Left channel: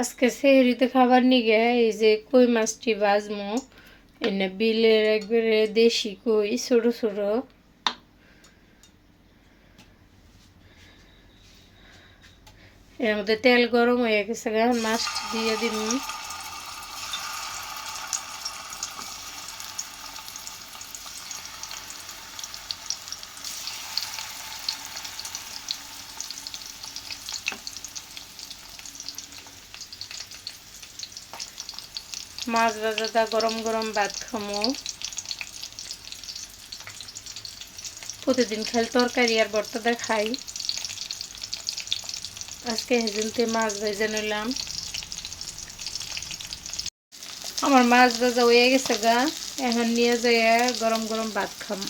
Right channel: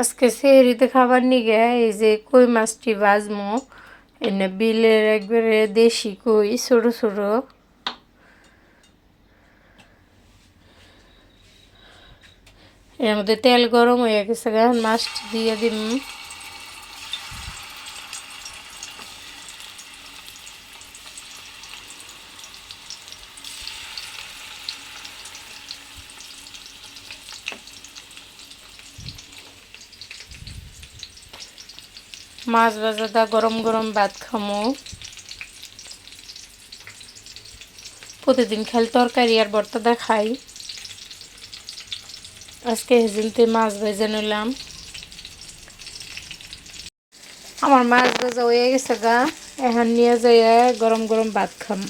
আজকে সেহরিতে খাবার নিগে এই যে কই মাছটি ভাজমো। এনে বিলের একবারে দেশি কই ছোট ছোট। এর মধ্যে তেল গরম হয়ে গেছে, এখন মাছটি দিয়ে দিম। মাছ ভাজাটা গরম গরম ভাত খামো। প্রতিদিন খালি তরকারি আর ভর্তাটা খাই, আজকে হেজিনতে মাছ ভেজে নিলাম। আমার মাছ ভাজা হয়ে গেছে গা, এখন নিয়ে যাইয়া গরম গরম ভাত খাম।